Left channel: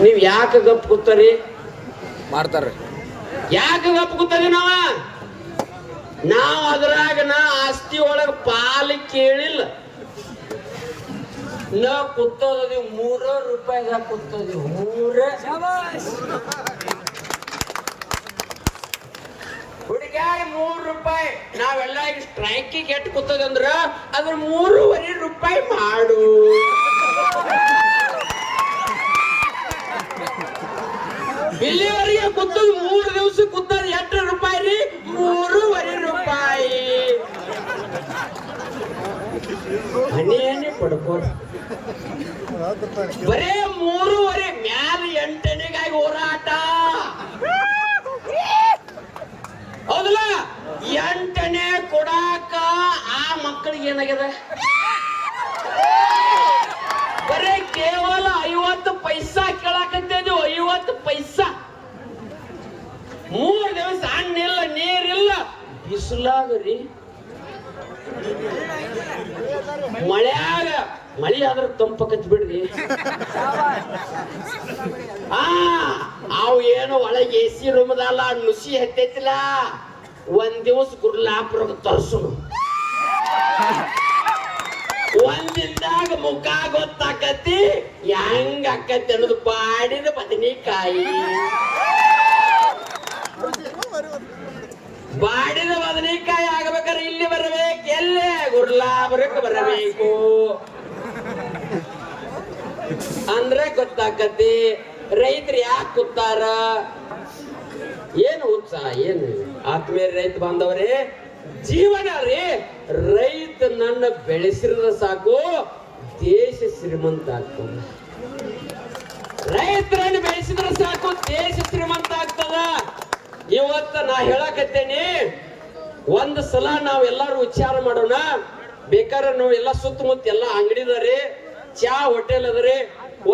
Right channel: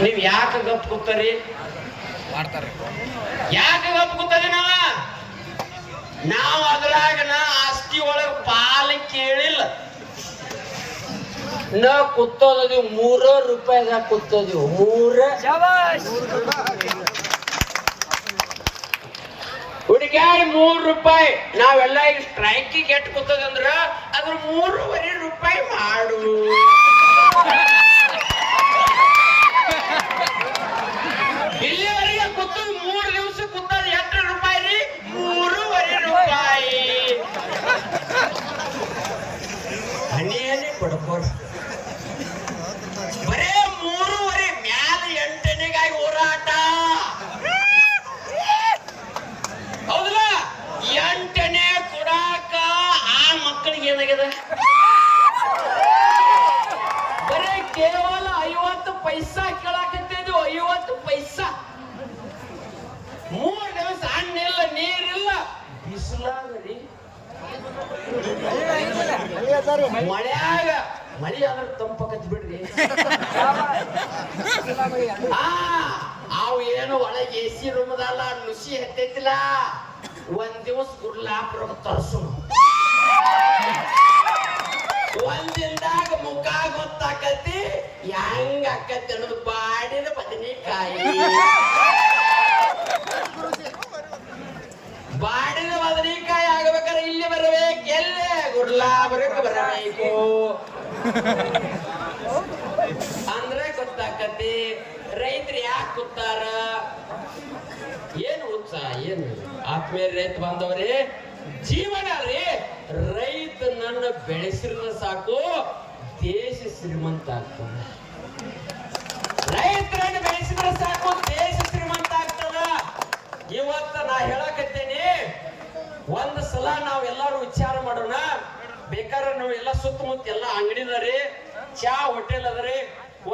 ನೀವ್ ಯಾಕೆ ಗಪ್ ಕೂತರಿ? ಮಾಡ್ತಾರ. ಯಾಕೆ ಗಪ್ ಕೂತರಿ ನಾವ? ನಾವು ಅದ್ರಾಗ ನಾ ಆಸ್ತಿ ಒಳಗ ಪಾಲು ಕೇಳಿಲ್ಲ. ನಾ ಕೂತೋದೀವಿ ಮೂರ ರೂಪಾಯಿದಾಗ ಕೂತೋದೀವಿ ಮೂರ. ಹುಡುಗಾಡಿ ಮೂರ್ ರೂಪಾಯಿ ನಾವೆಲ್ಲ ಈಗ ಸ್ಟ್ರೈಕಿಗೆ ಎಟ್ ಕೂತದಂದ್ರ ಅದ್ರ ಮೂರುವರೆ ರೂಪಾಯಿ ಮಾಡು. ಇಲ್ಲಿವರೆಗೆ ಕುತ್ತು ಮೂರು ದಿವಸ ಕೂತದ ಎಂಟು ರೂಪಾಯಿ ರೀ? ಮೂರುವರೆ ರೂಪಾಯಿ. ಹನಿ ಹನಿ ಪಡ್ಕೋರ್. ಬರೇ ಮೂರುವರೆ, ಮ್ಯಾಲ ಎಂಟನೆಗಾಗಿ ಹೋರಾಟ. ಹೌದಲ್ಲ? ಎಂಟನೇ ಕೊಡಾಕ ಆ ಮಕ್ಕಳಿಗೆ ಏನಾಗ್ಯದ ಬರೇ ಕೇವಲ ಐವತ್ತು ಪೈಸಾ ಕೇಳಾಕತ್ತಿದ್ವು ಐವತ್ತು ಪೈಸಾ ಮೂರ್ ದಿವಸ ಹಣ್ಣಿಲ್ಲ ನೀರಿಲ್ಲ ಬಿಸಿಲಾಗರಿ ಮಳ್ಯಾಗ ಮಳಿ ಆದ್ರ ತಂಪಕತ್ ಬಿಡ್ರಿ. ಆ, ಅವು ಏನು ಒಳಗೆ ಎ ಸಿ ರೂಮದಲ್ಲ ನುಸಿ ಹತ್ತೈತಿಲ್ಲ. ಒಂದ್ ದಿವಸ ಗುರ್ಲಾಪುರ ತರ್ಸು ಒಂದಿಂದಾಗ ಮುಖ ಗೊತ್ತಾಕತಿ ಹೆಂಗ ಆಕತಿ ಅನ್ನೋದು ಬಾಡಿದ ಬದನೆಕಾಯಿ. ಬಾಡಿದ ಬರಬೇಕು ಅಂದ್ರೆ ಗೊತ್ತಾಕತಿ, ರೈತರು ಯಾಕೆ ಕೂತಾರ? ಏನು ಉತ್ಸಾಹ ಏನು? ಆತ್ಮೀಯ ರೈತ ಬಾಂಧವರೇ, ಜೀವನ ರೀ. ರೈತ ನನ್ನ ಬೆಳೆಸಿದ್ರೆ ಸಾಕು, ದೇಶ ಶ್ರೀಮಂತ ಆಗ್ತದ. ರೈತರನ್ನು ಬೆಳೆಸಿದ್ರೆ ಸಾಕು, ದೇಶ ಶ್ರೀಮಂತ ಆಗ್ತದ. ಇವತ್ತ ನಾ ಹೇಳಕತ್ತೇನೆ, ಒಂದ್ ಸಲ ನಾವ್ ಎಲ್ಲಾರು ವಿಚಾರ ಮಾಡೋಣ. ಬೇಕಾದ್ರೆ ನಾವು ಎಲ್ಲ ಸುತ್ತಮುತ್ತ ಎಲ್ಲ ಅಂಗಡಿದಾರಿ ಚಾ ಹೋಟೆಲ್ ಅದರಿ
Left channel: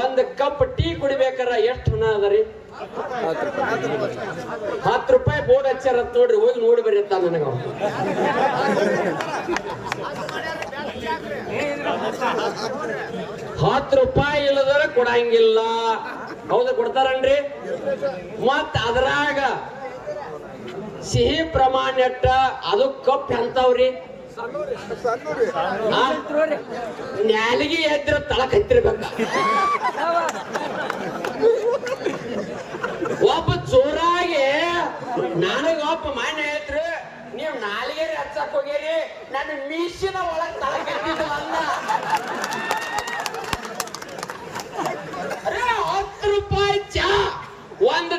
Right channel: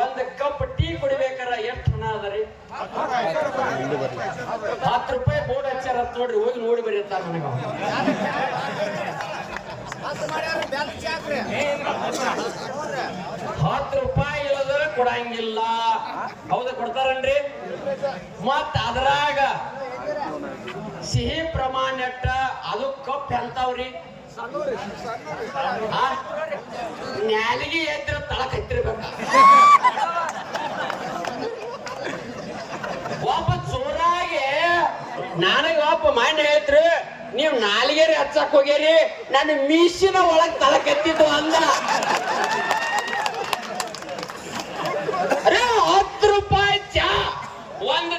ಒಂದ್ ಕಪ್ ಟೀ ಕುಡಿಬೇಕಾರ ಎಷ್ಟು ಹಣ ಅದರಿ ಹತ್ತು ರೂಪಾಯಿ ಬೋರ್ಡ್ ಹಚ್ಚಾರ ನೋಡ್ರಿ, ಹೋಗಿ ನೋಡಿ ಅಂತ ನನಗ ಹತ್ ಹತ್ತು ರೂಪಾಯಿ ಇಲ್ಲದ್ರ ಕೊಡಂಗಿಲ್ಲ. ಹೌದಾ ಕೊಡ್ತಾರನ್ರಿ? ಮತ್ ಅದ್ರಾಗ ಸಿಹಿ ಪ್ರಮಾಣ ಎಟ್ಟ, ಅದು ಕಪ್ ಎಂತವ್ರಿ? ನ್ಯಾಲಿಗೆ ಎದ್ರ ತಳಕ್ ಹತ್ತಿರ್ಬೇಕ ಒಬ್ಬ ಚೋರಾಗಿ ನನಗೆ ಒಬ್ಬ ಮಾಡಿ ಹೇಳ್ತ್ರಿ, ನೀವು ನಾಲಿಗೆರಿ ಹಚ್ಚಕ್ ಹೋಗ್ಯಾರಿ ನನ್ನ ಮೀಸಿನ ಒಳಗ್ ತಳಕ್ ಕೆತ್ತಿದ್ದು ಅಂದ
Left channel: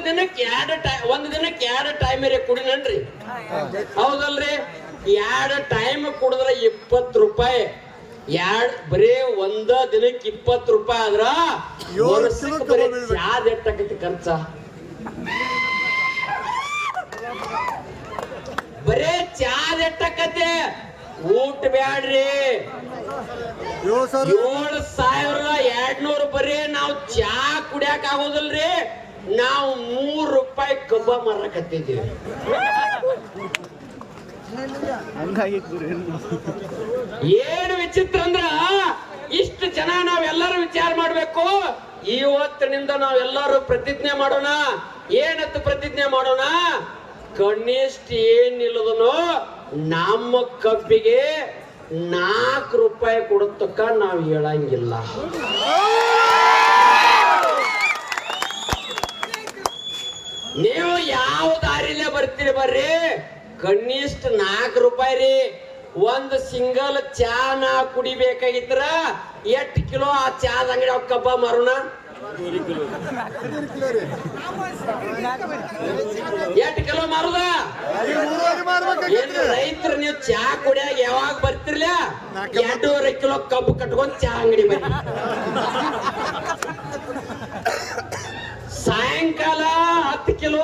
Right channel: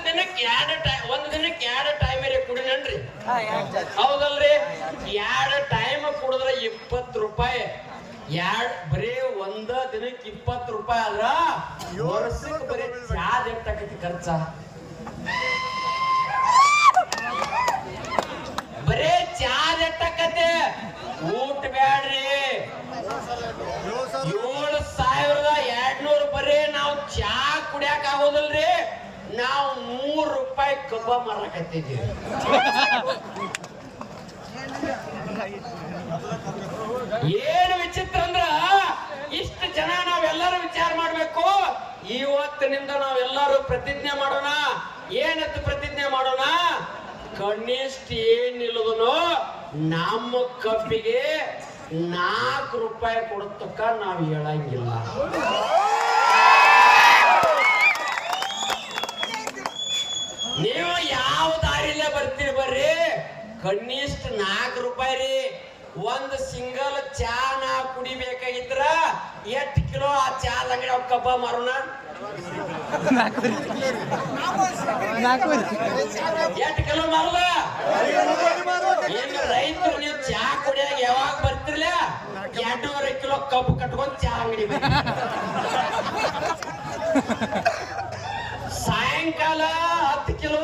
ದಿನಕ್ಕೆ ಎರಡು ಟೈಮ್ ಒಂದ್ ದಿನಕ್ಕೆ ಎರಡು ಟೈಮ್ ಕುಡಿನನ್ರಿ. ಹೌದಲ್ರಿ? ಎರಡು ಟೈಮ್ ಕುಡಿದ್ರೆ ಇಪ್ಪತ್ ರೂಪಾಯಿ. ಎರಡ್ ಬರೇ ಒಂದ ದಿನಕ್ಕೆ ಇಪ್ಪತ್ ರೂಪಾಯಿ ಆದ್ರ ವರ್ಷಕ್ಕೆ ಬರೀ ಚಾದ ಎಷ್ಟಾಕೈತಿ ಖರ್ಚ? ಬರೇ ಚಾದ ಎಟ್ಟಕತೆ ಊಟ ಬ್ಯಾಡ್ರಿ. ಏಳು ಸಾವಿರದ ಎರಡ್ನೂರು ಬರೀ ನಾವು ಚಾ ಕುಡಿಯಾಕ ಆಗೋದಿಲ್ರಿ. ನಾವು ಮೂರು ರೂಪಾಯಿ ಕಬ್ಬ ಮಾರಕತ್ತಿದ್ದೀವಿ ಏನು ವಿಚಿತ್ರ ಅಂದ್ರ ಇಷ್ಟು ಜನ ನಾವೆಲ್ಲರೂ ವಿಚಾರ ಮಾಡ್ಬೇಕು. ಇವತ್ತಿನಿಂದ ನಾವೆಲ್ಲರೂ ಪ್ರತಿಜ್ಞೆ ಮಾಡೋಣ. ಏನಂತ ಪ್ರತಿಜ್ಞೆ ಮಾಡೋಣ? ಕನಿಷ್ಠ ಏನಿಲ್ಲದನು ನಮ್ಮ ಕಬ್ಬಿಗೆ ನಾಲ್ಕು ರೂಪಾಯಿ ಕೊಡತಕ್ಕ ನಾವು ಹೇಳಂಗಿಲ್ಲ. ನೀವು ಯಾವ ದಾರಿಲೇ ಬರ್ತೀರಿ ಬರ್ರಿ? ಕನಿಷ್ಠ ನಾಲ್ಕು ರೂಪಾಯಿ ರೀ. ಒಂದು ಸಿಂಗಲ್ ಚಾ ನಾ ಕುಡಿಬೇಕಾಗಿದ್ರ ಎಷ್ಟು ಕಿಲೋ ಆ ಚಾದ ಅಂಗಡಿ ಅವ್ ಕಬ್ಬ ಮಾರೋಣ? ಎಷ್ಟ್ ಕಿಲೋ ಮಾರುದ? ಏನು ರೈತರು ನೀವು ಚಾ ಕುಡಿಯಾಗ ಯಾವಾಗ ಬರ್ತಿರ್ಲ? ಎರಡೂವರೆ ಕಿಲೋ ಕಬ್ಬು ಕಟ್ಕೊಂಡು ಚಾ ಅಂಗಡಿ ಬರ್ರಿ. ಸಾಯಂಕಾಲ ಹತ್ತು ಕಿಲೋ,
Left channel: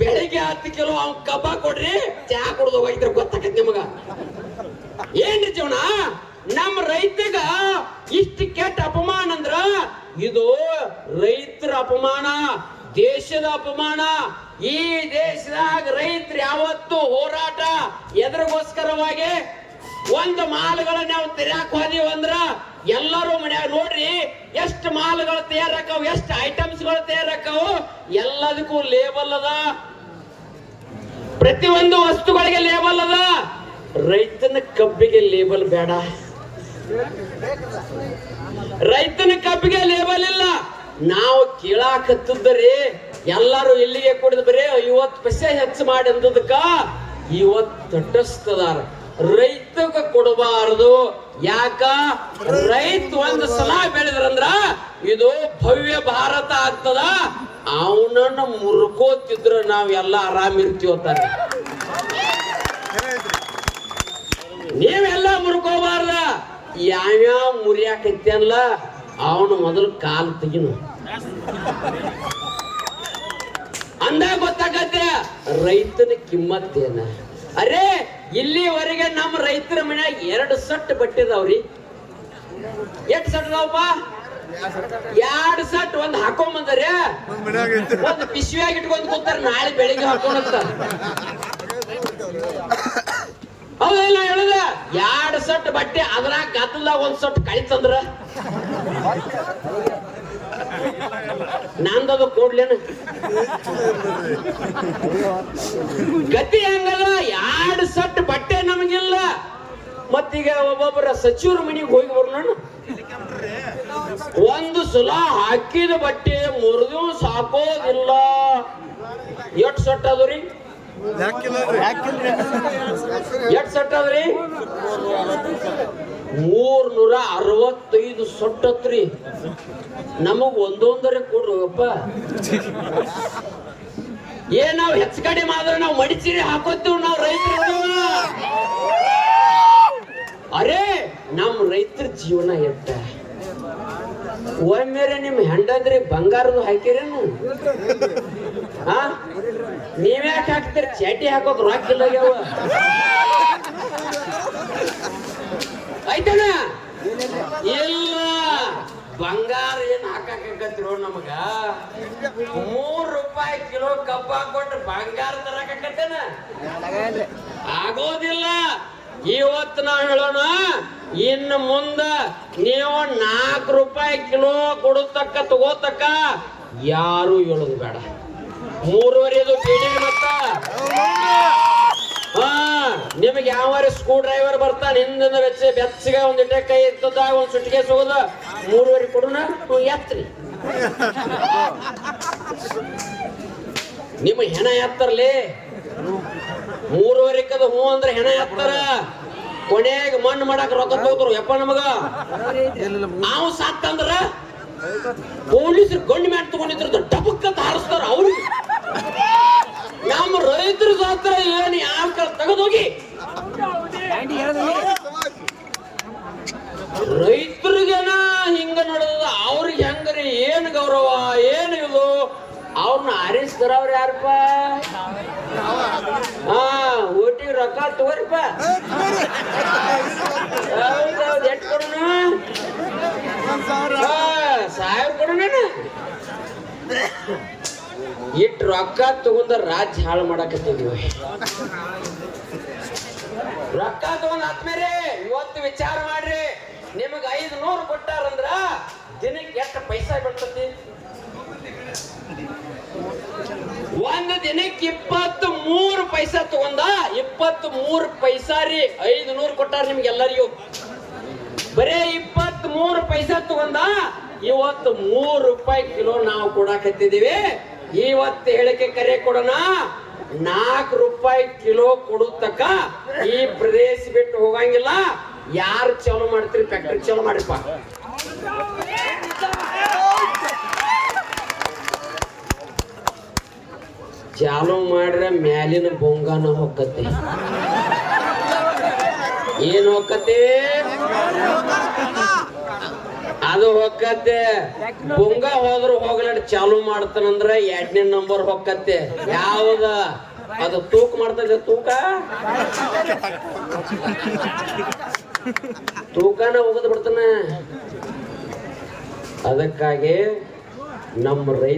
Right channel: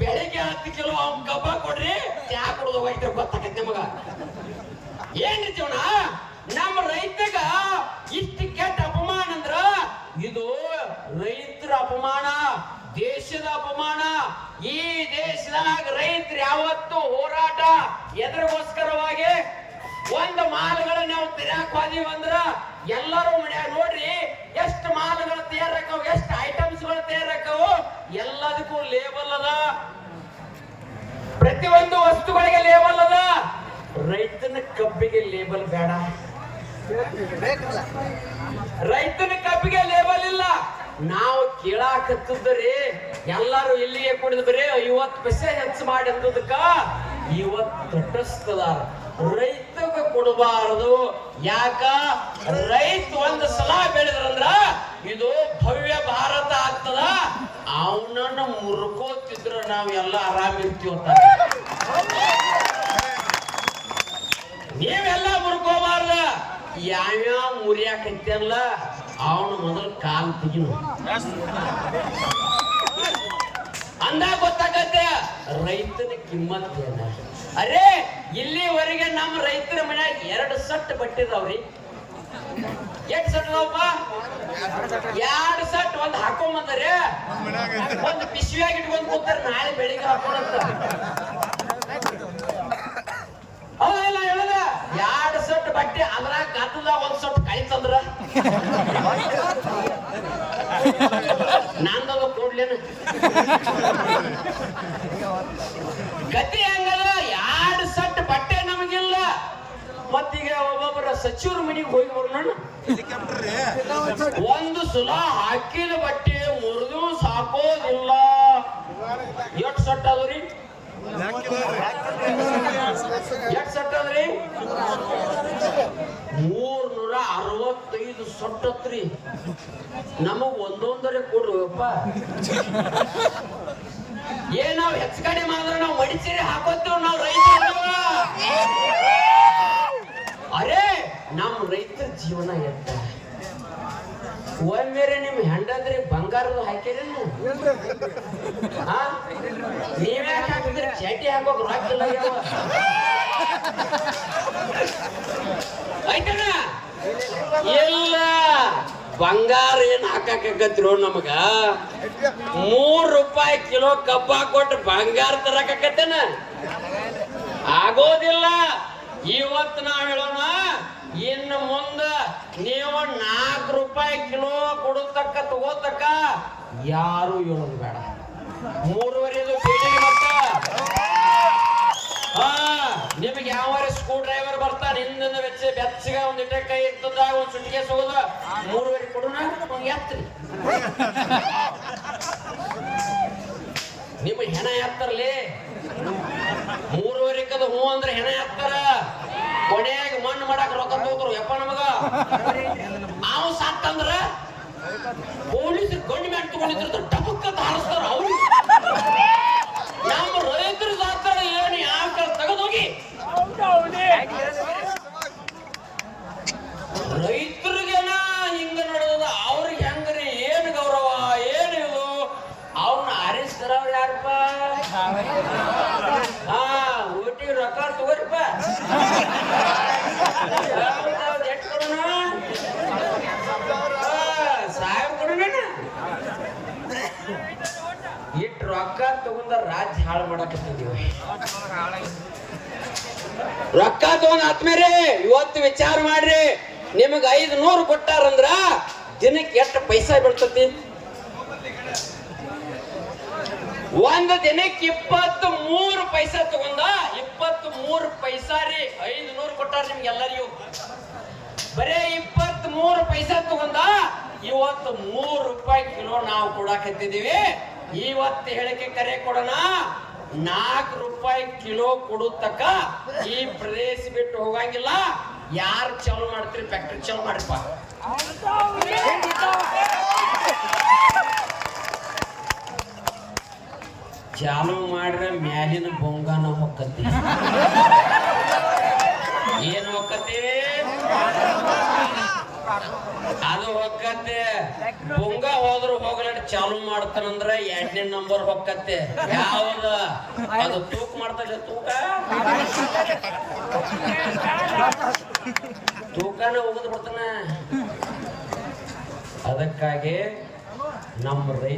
ಬೆಳಿಗ್ಗೆ ಹತ್ತು ಕಿಲೋ ಅವ್ನ್ ಕಬ್ಬ ಕೊಡ್ರಿ, ಚಾ ಕುಡ್ದು ಹೋಗಿದ್ರೆ, ಗೊತ್ತಾಕೈತಿ ನಿಮಗ? ಏನ್ ಜೀವನ ನಮ್ಮ ರೈತಗ ಇಷ್ಟ ಕೆಟ್ಟ ಅಪಮಾನ ಅಂದ್ರ ಇದು ರೈತರ ಅಪಮಾನ, ದೇಶದ ಅಪಮಾನ. ಈ ದೇಶದಾಗ ರೈತರು ಯಾವತ್ತು ಹೋರಾಟ ಎದರಿಗೋಸ್ಕರವಾಗಿ ಒಂದು ಮಾಲ್ಗಳನ್ನ ನಾವು ತಿರಾಕ್ ಹೋದೀವಿ ಅಂದ್ರ ಎಲ್ಲರೂ ಮನ್ಯಾಗ ನೋಡ್ರಿ ಎಷ್ಟು ಮಾಲ್ಗಳು ತಯಾರಾಕವು, ಎಷ್ಟು ಐಟಮ್ಸ್ ಎಲ್ಲದಕ್ಕೂ ಲೇಬಲ್ ಅದ. ಪ್ರತಿಯೊಂದು ವಸ್ತುಗಳಿಗೆ ಲೇಬಲ್ ಅದ. ರೈತನ ಕಬ್ಬಿಗೆ ಲೇಬಲ್ ಬೇಡ. ರೈತನ ಕಬ್ಬಿಗೆ ಲೇಬಲ್ ಇಲ್ಲ. ನಾವು ಕೇಳಾಕತ್ತಿದ್ದರಿ, ಎಲ್ಲಾರು ಇಲ್ಲಿಗೆ ಕುಡಿದು ಬರೀ ಐವತ್ತು ಪೈಸೆ ಹೆಚ್ಚು ಮಾಡಿ ಅಂದದಕ್ಕ ಇವತ್ತು ತಟಸ್ಥದಾರ ರೈತಗ ಕೊಡಬಾರದು. ಯಾಕ? ರೈತ ಒಂದು ಸಲ ಬೆಳೆದ್ರಂದ್ರ ಇದು ಭವ್ಯ ಭಾರತ ಆಗ್ತದ. ಅವನನ್ನ ಮುರ್ಕೋತಿದ್ರ ನಾವ್ ಎಲ್ಲ ಆರಾಮ್ ಇರ್ತೀವತ್ತಾರ ನೀವೆಲ್ಲ ಮುರ್ಕೋಬಾರ್ದ. ಯಾವ್ಯಾವ ಮುರಿಯಾಕೈತಲ್ಲ ಅವನು ಮೊದಲು ಕಾಲು ತೆಗಿನು ಅಂದಾಗ ಗೊತ್ತಾಗತ್ತೆ, ರೈತನ ಕಿಮ್ಮತ್ತೇನ? ಅರೇ ಇಲ್ಲಿವರೆಗೆ ನಮ್ಮ ರೈತರ ಮನೆ ಎರಡು ಸಟ್ ಬಟ್ಟಿದಾವ್ರಿ. ಎಷ್ಟು ಸಟ್ ಅದಾವಪ್ಪ? ಎರಡು ಸಟ್ ಒಂದ್ ಹಾಕೊಂಬಂದರೆ. ಒಂದ್ ಪಿಶವಿಯಾಗಿ ಇಟ್ಕೊಂಡ್ ಕೂತಾರ ನಾಳೆ ಬೆಳಿಗ್ಗೆ ಹಾಕೊಂಡಂತ. ಹೌದಲ್ಲ ಹೇಳದ? ಎರಡು ಸಟ್ ಬಟ್ಟೆ ಅದ್ರಾಗ ಗದ್ದಲ ಒಂದ್ ಸಟ್ ಕಳಿತಂದ್ರ. ನಂದದು ಕೊಡ್ಲೇನ? ಗತಿ ಹಂಗಲ್ಲ, ಎರಡು ಸಟ್ ಬಟ್ಟೆ ನಮಗಿಲ್ಲ. ಮತ್ತೀಗ ಒಬ್ಬೊಬ್ಬರ ಸಚಿವರ ಮನೆಗೆ ಹೋಗಿ ಬರ್ಲಣ್ಣ. ಒಂದು ಸುಲ ಹಾಕಿದ ಬಟ್ಟೆ ಮುರಿದು ಸಾಕೋದಿಲ್ಲ. ಎಷ್ಟು ಸಟ್ ಅದ್ರಿ ಎಷ್ಟು ಸಟ್ ಅದ್ರಿ ಮೂರ್ನೂರ ಅರವತ್ತೈದು ಸೊಟ್ಟತ್ರಿ ನಮಗ್ ಒಂದೊಂದರಿ ಕೊಡ್ರಿ ಅಪ್ಪ. ಏ, ನಾವ್ ಹೆಚ್ಚು ಕಡಿಮೆ ಆದ್ರೆ ನಾವು ಮಡಿಚೀರಿ ಹಾಕೋತೀವಿ ನಾವು ರೈತರು. ಅರೇ ನಮ್ಮ ರೈತರ ಜೀವನ ಎತ್ತ. ಒಮ್ಮೆರೆ ನಿಮ್ ಹೆಂಡಂದ್ರಿ ಬಂಗಾರದ ಹಾಕಿರೇನು ನೀವ್ಯಾಕೆ ಹಾಕಿದ್ರಿ? ಚಟಿ ಹಾಕೋಕ್ ರೊಕ್ಕ ಇಲ್ಲ ಆಯ್ತಣ್ಣ ಇಲ್ಲ. ಬಂಗಾರ ಏನ್ ಹಾಕಾಕತ್ರೋ ನಮಗ. ಮೂರ್ ರೂಪಾಯಿ ಕಿಲೋ ಕಬ್ಬ ಕೊಟ್ಟು ಬಂಗಾರ ತರಕತ್ತೇನ ಆಗೋದಿಲ್ಲ. ಇವತ್ತು ನಾ ಹೇಳೋಣ, ಇನ್ನು ಮುಂದ ನೀವು ನಾಲ್ಕು ರೂಪಾಯಿ ಕಿಲೋ ಕೊಡತಕ್ಕ ತಗೋತಕ್ಕ, ಯಾರು ಹೇಳೋದು ಬೇಡ. ಮೂರುವರೆದು ಮತ್ತ. ಹಾ, ನಿಮಗೆ ಯಾವ ಸ್ಕ್ರೂ ಡ್ರೈವರ್ ಬರ್ತಾನೆ. ಹಿಂದಿನ ಬೆಚ್ಚ ಬೆಚ್ಚಗ ಒಂದ್ ಇಟ್ಟ ಕೈ ಇರ್ತದಾಗ ಒಂದ್ ಸುಟ್ಟಿಗೆ ಸಿಗೋದ ಮೂರುವರೆ ಕೊಡೋಣ ಎತ್ರಿ. ನಿಮ್ಮ ಹೆಣ ಎತ್ತರ್ಲಿ. ಮೂರುವರೆ ಕದ ಹೂ ಅಂದ್ರೆ ಹೆಣ ಎತ್ತಾರ. ಕೊನೆಗೆ ಮಣ್ಣು ಮಾಡಕ್ ರೊಕ್ಕ ತಗೋತಾರ. ಯಪ್ಪ ನಮಗ. ನಾವು ಸಾಕ್ತಂದ್ರ ಪೊಲೀಸರು ಗಂಡು ಮ್ಯಾಟ್ ತಗೊಂಡಿದ್ರು ಡಬಕ್ ಅಂತ ಹಾರಿಸ್ತಾರ ಅವ್ರು. ನಮ್ಮ ರೈತರ ಸಾತ್ರ ಏನು ಯಾವ ತೆಗೆದೋಗಿ? ರೈತರಿಗೆನ ಹಿಂಗ ನಡೆದ ಅವ್ರಿಗೆ ಹೆಂಗ್ರಿ? ಏನ್ ಗೌರವ? ಏನ್ ಇದು? ಅವ್ರನ್ನ ಆರಿಸ್ತಾರ ಅವ್ರ ಯಾರಪ್ಪ? ಹಾ, ಊಟಿಗೆ ರೊಕ್ಕ ತಗೋರಿಪ್ಪ. ಎಟ್ ಸಾವಿರ ಕೊಡೋಣ ಇಟ್ಟು ರೊಕ್ಕ ತಗೊಂಡ ರಾಜ್ಯ ಹಾಳು ಮಾಡಕತ್ತಿದ್ವಿ ರೊಕ್ಕ ತಗೊಂಡ್ ಆತ್ಮೇರಿ ಇವತ್ತು ವಿಚಾರ ಮಾಡ್ರಿ. ನಿಮಗ್ ಐದು ನೂರು ಕೊಟ್ಟಾರಂದ್ರ ದಿನಕ್ಕೆ ಎಷ್ಟು ಪೈಸಾ ಬೀಳ್ತತಿ? ಒಂದು ದಿನಕ್ಕೆ ಇಪ್ಪತ್ತು ಮೂರು ಪೈಸಾ ತಗೊಂಡ ಇಪ್ಪತ್ತು ಮೂರು ಪೈಸಾ ರೀ ಐದು ನೂರು ಕೊಟ್ಟಾರ ನಿಮ್ಗೆಲ್ಲರಿಗೂ ಬರೇ ಇಪ್ಪತ್ತ್ ಮೂರು ಪೈಸಾ ತಗೊಂಡ ಇವತ್ತು ಮೂರು ರೂಪಾಯಿ ಕಿಲೋ ನಾವು ಕೊಡಾಕತ್ತಿದೀವಿ ಇವತ್ತು ಹೇಳಿಕೆ ಕರೆ ಕೊಡೋಣ. ನಾಲ್ಕು ರೂಪಾಯಿ ಕಿಲೋ ಕೊಡುತ್ತಕ್ಕ ಈ ಪ್ರದೇಶ ಬಿಟ್ಟು ಹೋಗಂಗಿಲ್ಲ. ಯಾರು ಚಾಲೂ ಮಾಡ್ತೀರಿ? ಫ್ಯಾಕ್ಟ್ರಿ ಚಾಲೂ ಮಾಡ್ರಿಪ್ಪ ಚಾಲೂ ಮಾಡ್ರೆ ಮ್ಯಾಲಿನ ಬೊಂಗಾನ ಹೊಕ್ಕತಿ ಏನು ಹೊಕ್ಕತಿ ಅದು ಹೊಕ್ಕತ್ತೆ ಬೊಂಗ ಹೋದ್ರು ಹೋಗ್ಲಾಡ್ ಚಾಲು ಮಾಡ್ತಾನಂದ್ರ ಎರಡನೇ ನಂಬರ್ ಹೊಕ್ಕತ್ತೆ ಯಾವ್ದ? ಅದು ತೂಕ ಮಾಡ್ತದೆ ತೂಕ? ತೂಕನ ಹೋಗದ್ ಬಿಡ್ತಾನ. ಅದಕ್ಕಾಗಿ ನಮ್ಮ ರೈತ